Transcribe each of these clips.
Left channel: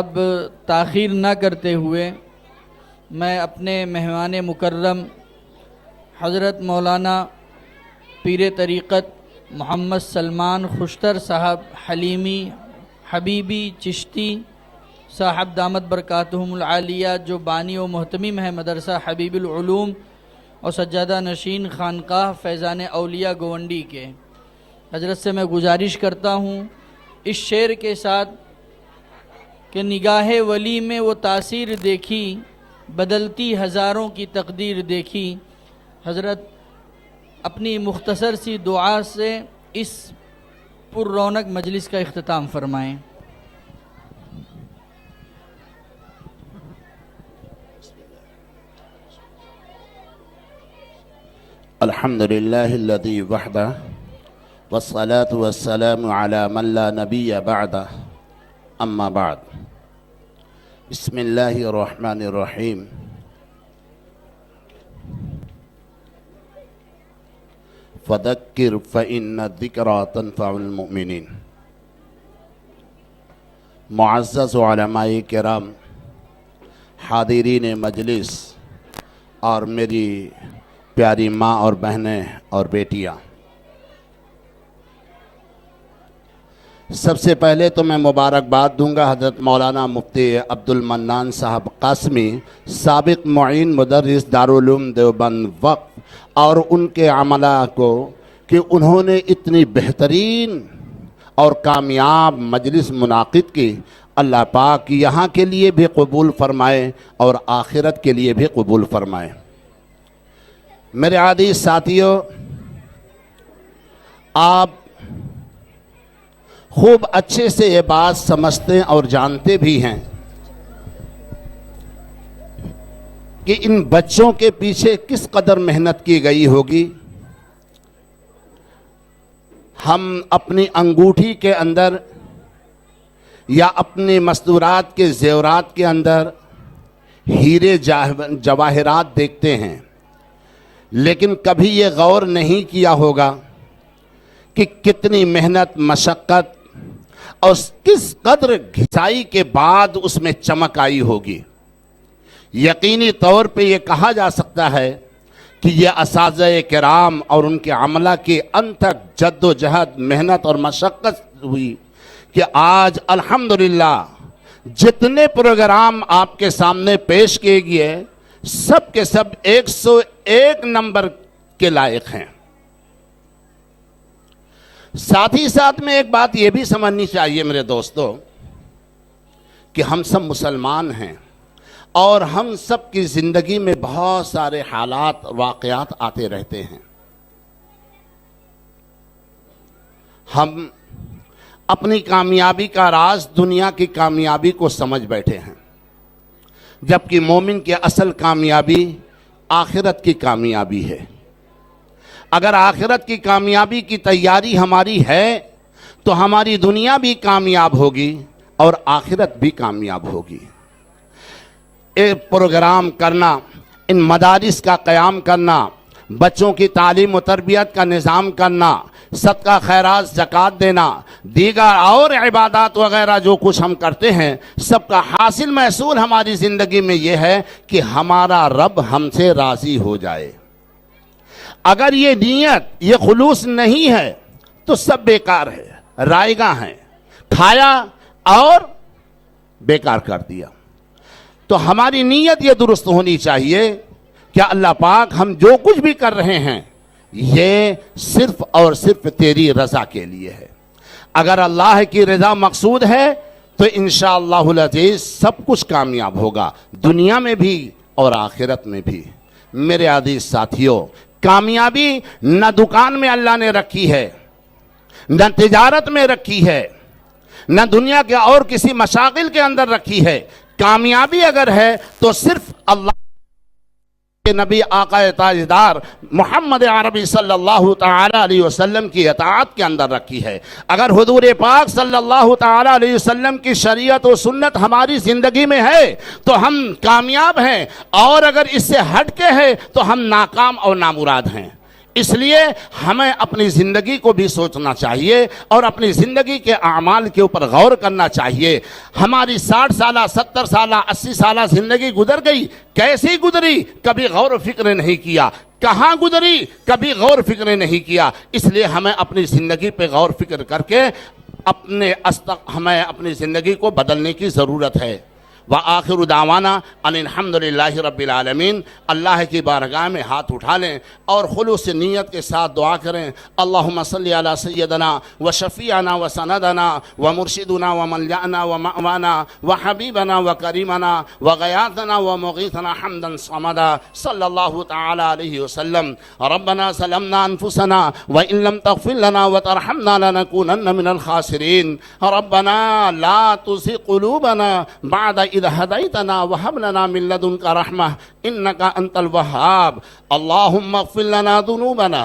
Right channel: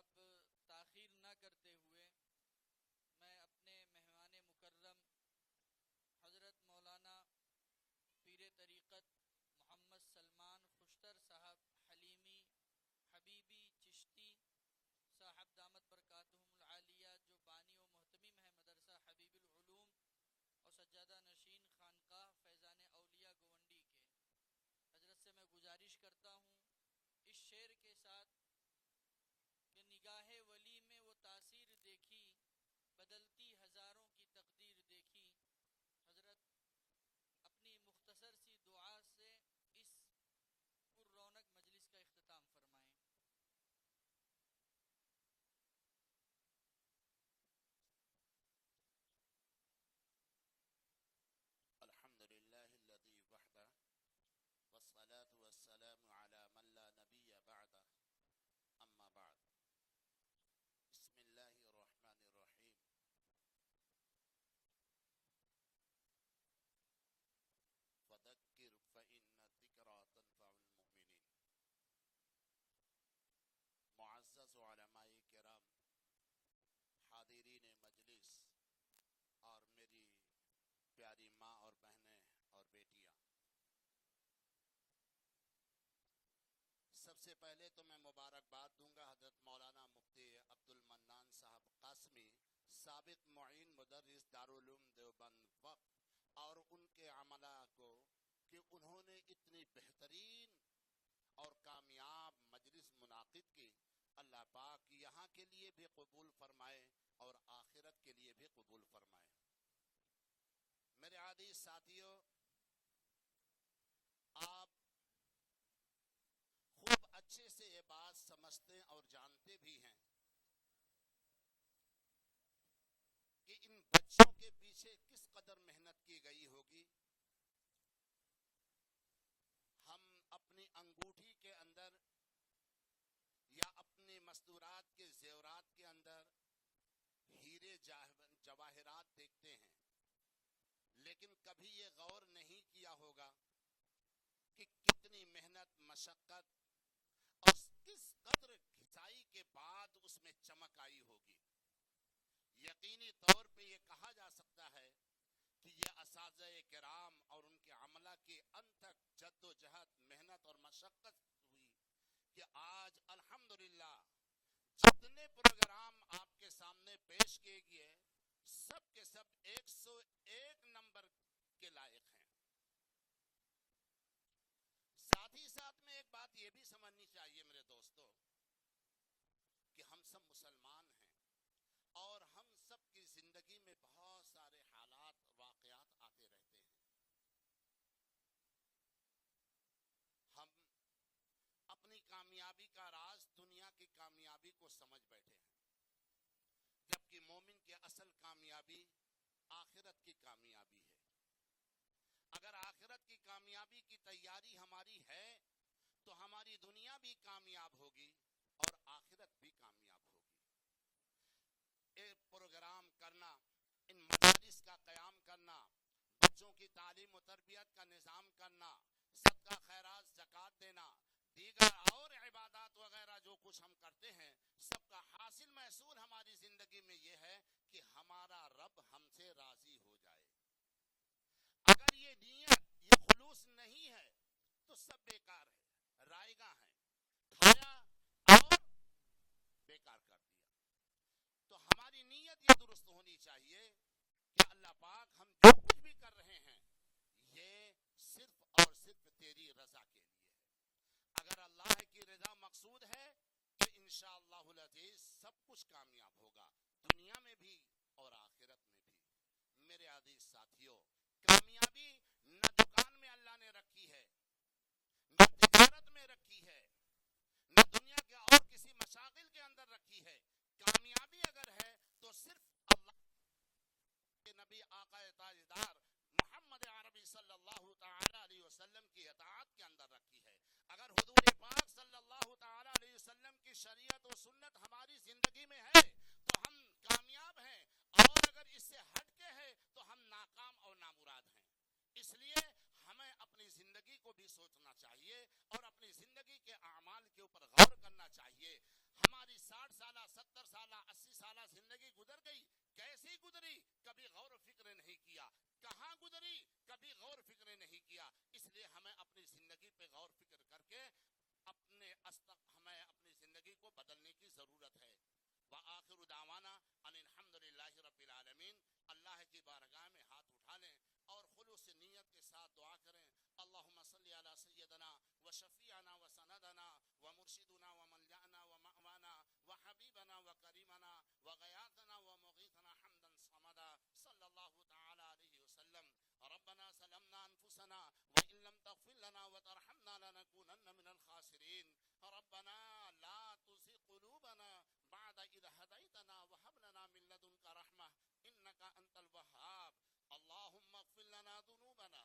اب تاخیر نہ کرتے ہوئے میں اپنے مہمان مکرم حضرت مولانا پیر طریقت محمد سلمان خوشتر صاحب حلیمی حبیبی چشتی صاحب دامت برکاتہم العالیہ، جو بانی و محتمم ہے مدرسہ حبیب العلوم اور سجادہ نشین خانقاہ فیضان اولیاء گونڈی کے، حضرت سے میں گزارش کرتا ہوں اس شعر کے ساتھ کہ نگاہ ولی میں وہ تاثیر دیکھی، بدلتی ہزاروں کی تقدیر دیکھی۔ حضرت اپنی مختصر سی دعا سے اس پر رونق مجلس کا اختتام فرمائیں۔ الحمدللہ الذی وحدہ والصلاة والسلام علی من لا نبی بعدہ، اما بعد۔ بسم اللہ الرحمن الرحیم۔ فذکر فإن الذکریٰ تنفع المؤمنین۔ معزز علماء کرام، حاضرین مجلس اور میری پیاری ماں اور بہنیں اور بیٹیاں، سب سے پہلے تو میں مبارکباد دوں گا حضرت مولانا مفتی عبد المنان صاحب قاسمی، سابق معین مدرس دارالعلوم دیوبند وقف، اور ان کے عملہ کو کہ انہوں نے اتنی بہترین اور کامیاب مجلس منعقد کی۔ اللہ پاک یہاں کے لیے بھی قبول فرمائے اور آخرت کے لیے بھی قبول فرمائے۔ میرے عزیز ساتھیوں، آپ خوب اچھے سے یہ بات سمجھتے اور جانتے بھی ہیں کہ ان بچوں کے پیچھے کس قدر محنت کی گئی ہوگی۔ ہم اپنی انگوٹھی کے اندر یا اپنے مستورات کے زیورات کے اندر ہیرے جواہرات دیکھتے ہیں، لیکن کبھی یہ غور نہیں کیا ہوگا کہ کتنی محنت، مشقت اور کس قدر گھسائی کے بعد اس میں چمک آئی ہوگی۔ یقینی طور پہ یہ کہا جا سکتا ہے کہ یہ اساتذہ کرام اور ان کے عملہ کی انتھک جد و جہد، محنت اور مشقت ہوئی کہ آج الحمدللہ جتنے پروگرام آپ کے سامنے پیش کیے گئے سب کے سب 101 نمبر کے لائق ہیں۔ ساتھ ہی ساتھ میں ایک بات یہ بھی سمجھنی چاہیے میرے دوستو کہ ہم سب مسلمان ہیں اور ہم سب کی زندگی میں بہت سارے حالات، واقعات آتے رہتے ہیں۔ ہم اپنی کامیابی کا راز، دنیا کی کامیابی کو سمجھ بیٹھے ہیں، جبکہ مومن کی اصل کامیابی آخرت کی کامیابی ہے۔ اگر آخرت کی کامیابی کی تیاری ہماری ہے تو ہماری دنیا بھی کامیاب ہوگی اور آخرت بھی کامیاب ہوگی۔ ایک پروگرام کرنا، ان مدارس کا قیام کرنا، بچوں کی تعلیم و تربیت کا نظام کرنا، صدقہ خیرات، زکوٰۃ دینا، دیگر اور عبادات وغیرہ جو کچھ ہم کرتے ہیں، سب کا حاصل محصول ہماری زندگی میں یہ ہے کہ ہمارا رب ہم سے راضی ہو جائے۔ اگر یہ نیت، یہ خلوص نہیں ہے تو سب بیکار ہے، رائگاں ہیں، کھایا اور بیکار کر دیا۔ تو ہماری نیت یہ درست ہونی چاہیے کہ اللہ پاک ہم جو کچھ بھی کر رہے ہیں یہ صرف اور صرف تیری رضا کے لیے ہے۔ اگر اللہ کی رضا مقصود ہے تو انشاءاللہ العزیز سب کچھ کامیاب ہوگا، دنیا میں بھی اور آخرت میں بھی۔ میرے عزیز ساتھیوں، کامیابی نہ دکان میں اللہ نے رکھی ہے، نہ تجارت میں رکھی ہے، نہ دنیا کے اور کسی مشاغل کے اندر رکھی ہے۔ کامیابی اگر ہے تو صرف اللہ کے نبی آقا تاجدار محمد عربی صلی اللہ تعالی علیہ وسلم کی اطاعت کے اندر رکھی ہے۔ اگر حضور پاک صلی اللہ تعالی علیہ وسلم کی شریعت و سنت ہماری زندگی میں ہے تو ہم کامیاب ہیں، اور اگر اس سے ہٹ کے ہے تو ہم ناکام اور نامراد ہیں۔ اس لیے ہمیں اپنی زندگی کو بھی سوچنا چاہیے اور اپنی زندگی کے اعمال کے اوپر غور کرنا چاہیے. ہماری 60 سالہ 70 سالہ 80 سالہ زندگی گزر گئی، کیسی گزری کبھی غور و فکر نہیں کیا، کہاں گزری کبھی غور و فکر نہیں کیا. اس لیے ہمیں اپنی زندگی پہ غور و فکر کر کے ہمیں اپنی زندگی کو بدلنے کی ضرورت ہے. وآخر دعوانا ان الحمدللہ رب العالمین. اللہ کی بارگاہ میں ہاتھ اٹھا لیں اور خلوص نیت کے ساتھ دعا کریں. اللہم صلی علی سیدنا و شفیعنا و سندنا و مرشدنا و ملجأنا و مأوانا و حبیبنا و کریمنا و غیاثنا و مغیثنا حمدا صمدا صلی اللہ تعالی علیہ وسلم. ربنا ظلمنا انفسنا وان لم تغفر لنا وترحمنا لنکونن من الخاسرین. ربنا لا تزغ قلوبنا بعد إذ هديتنا وهب لنا من لدنك رحمة إنك أنت الوهاب. اللهم اغفر لنا ذنوبنا،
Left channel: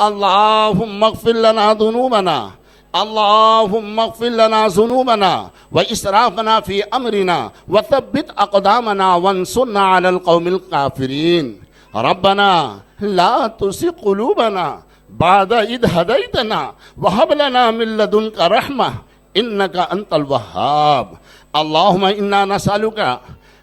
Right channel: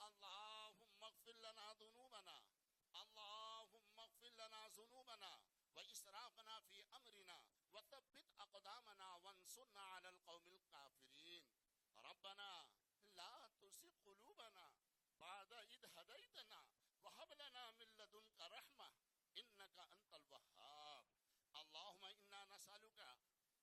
اللهم اغفر لنا ذنوبنا، اللهم اغفر لنا ذنوبنا وإسرافنا في أمرنا وثبت أقدامنا وانصرنا على القوم الكافرين. ربنا لا تزغ قلوبنا بعد إذ هديتنا وهب لنا من لدنك رحمة إنك أنت الوهاب. اللهم إنا نسألك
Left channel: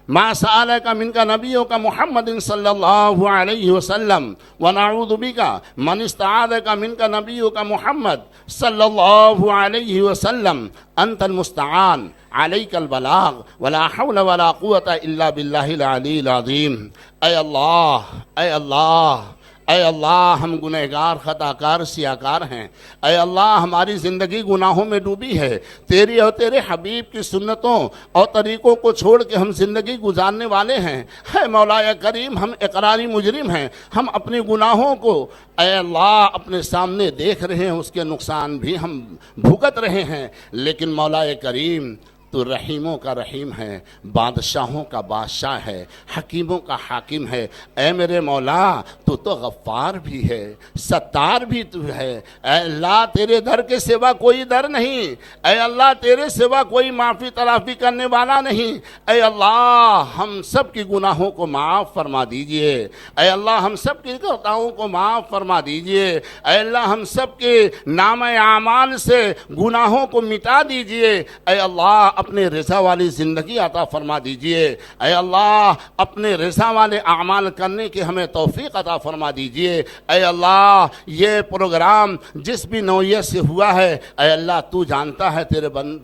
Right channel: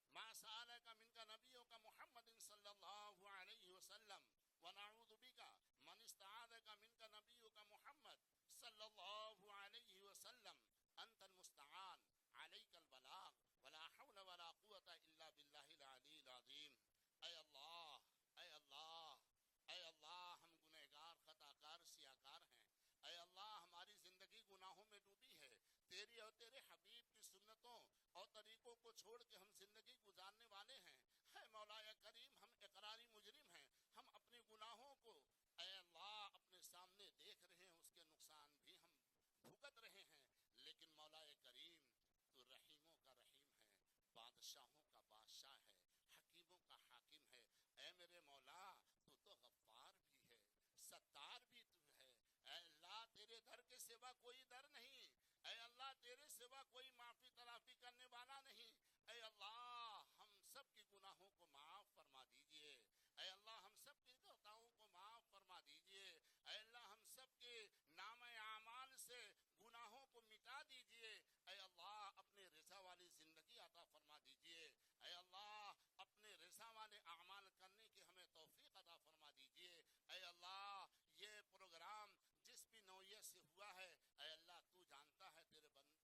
ما سألك منك نبيك محمد صلى الله عليه وسلم ونعوذ بك من استعاذك منك نبيك محمد صلى الله عليه وسلم. أنت المستعان عليك البلاغ ولا حول ولا قوة إلا بالله العلي العظيم. اے اللہ، اے اللہ، اے اللہ، ہم گنہگار خطا کار سیاہ کار ہیں. اے اللہ، ہماری زندگی گناہوں میں ڈوبی ہے. تیری اور تیرے حبیب کی سنتوں اور طریقوں کو چھوڑ کے ہم زندگی گزارنے والے ہیں. اے مولا کریم، ہم اقراری مجرم ہیں. ہم اپنے گناہوں کو اے اللہ اپنے سامنے دیکھ رہے ہیں، اس کے نقصان بھی ہم بھگت رہے ہیں. لیکن مولا کریم، تو رحیموں کا رحیم ہے، بادشاہوں کا بادشاہ ہے، حکیموں کا حاکم ہے. اے میرے مولا، تو غفار بھی ہے، ستار بھی تو ہے. اے اللہ، تیرے در کے سوا کوئی در نہیں. اے اللہ، تیرے سوا کوئی معافی تلافی کرنے والا نہیں. اے اللہ، ہم سب کی گناہوں کو معاف فرما دیجئے. اے اللہ، ہم سب کی خطاؤں کو معاف فرما دیجئے. اے اللہ، ہم سب کے نام اعمال سے گناہوں کو مٹا دیجئے. اے اللہ، اپنے رضا والی زندگی عطا فرما دیجئے. اے اللہ، اپنے رضا والے اعمال کرنے کی ہمیں توفیق عطا فرما دیجئے. اے اللہ، یہ پروگرام جس بھی نوعیت سے ہوا ہے، اے اللہ تو جانتا ہے،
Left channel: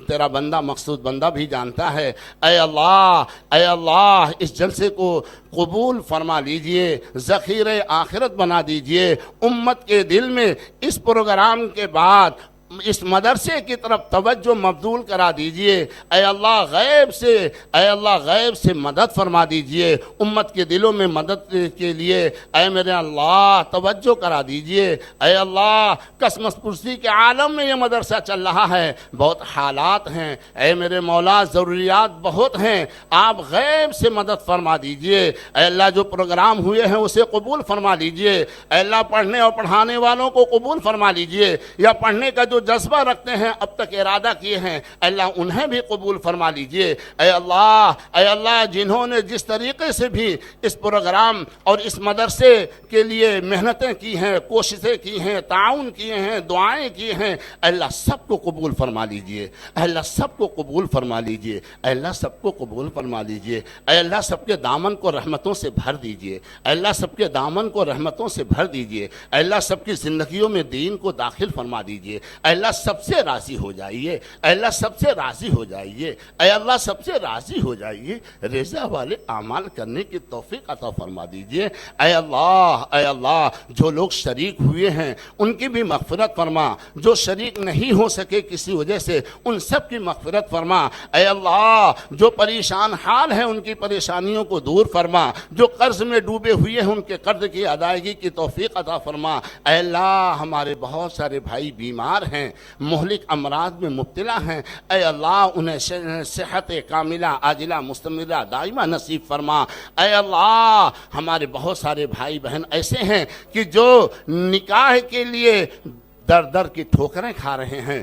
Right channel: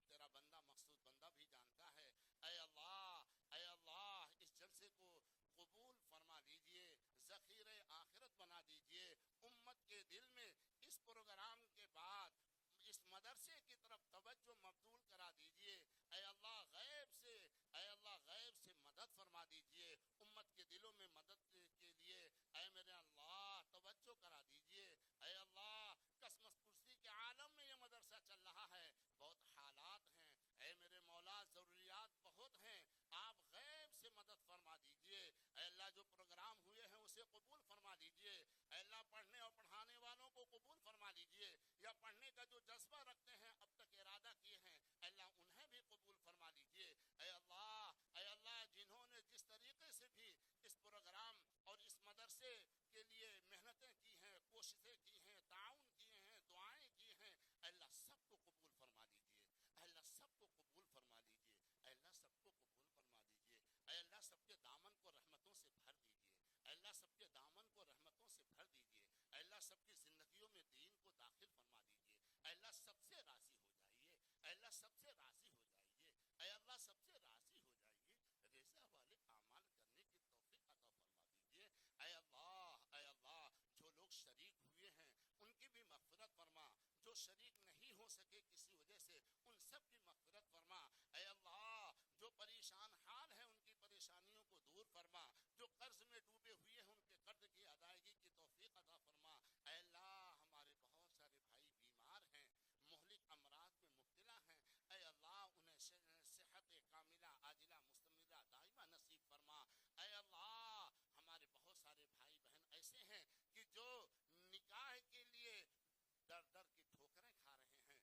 تیرا بندہ مقصود بندہ بھی جانتا ہے. اے اللہ، اے اللہ، اس جلسے کو قبول فرما لیجئے، ذخیرہ آخرت بنا دیجئے. امت کے دل میں اس پروگرام کے بعد اس مدرسے کی طرف توجہ مبذول کرا دیجئے. اے اللہ، غیب سے مدد فرما دیجئے. امت کے دلوں میں مدد کے لیے اے میرے اللہ توجہ کرا دیجئے. اے اللہ، قسمت پرسی کے عالم میں یہ مدرسہ چل رہا ہے، بہت حالات ہیں. اے میرے مولا، ضروریات بہت ہیں، آپ غیب سے مدد فرما دیجئے. اے اللہ، جو پروگرام ہوئے ہیں اسے قبول فرما لیجئے. اے اللہ، پڑھنے اور پڑھانے والوں کو قبول فرما لیجئے، یا پڑھنے کا جو جذبہ رکھتے ہیں، اب تک ارادہ کیے ہیں، اللہ انہیں بھی قبول فرما لیجئے. اے اللہ، جنہوں نے جس طریقے سے بھی اس پروگرام اور اس مدرسے کے لیے محنتیں کی ہیں، کوششیں کی ہیں، تعاون کیے ہیں، دعائیں کی ہیں، اللہ سب کو قبول فرما لیجئے. اللہ سب کو قبول فرما لیجئے. اللہ سب کو قبول فرما لیجئے. اے اللہ، سب کے دامن کو رحمتوں سے بھر دیجئے. اللہ سب کے دامن کو رحمتوں سے بھر دیجئے. اللہ سب کی زندگیوں میں دین کو داخل فرما دیجئے. اللہ سب سے راضی ہو جائیے. اللہ سب سے راضی ہو جائیے. اے اللہ سب سے راضی ہو جائیے. رضا والے اعمال کرنے کی توفیق عطا فرما دیجئے. اے اللہ، جو لوگ شریک ہوئے ہیں ان کی بھی مغفرت فرما. جو شریک نہیں ہو سکے کسی وجہ سے، ان سب کی مغفرت فرما. اے اللہ، جو پریشان حال ہیں ان کی پریشانیوں کو دور فرما. جو قرض میں ڈوبے ہوئے ہیں ان کے قرض کی ادائیگی کی توفیق عطا فرما. اے اللہ، ہمارے بہت سارے بھائی بیمار ہیں، مہلک امراض میں مبتلا ہیں. اے اللہ، انہیں صحت کاملہ عاجلہ مستمرہ دائمہ نصیب فرما. اے اللہ، ہمارے بہت سارے بھائی بہن ایسے ہیں کہ جو نکاح کے لیے در در کی ٹھوکریں کھا رہے ہیں،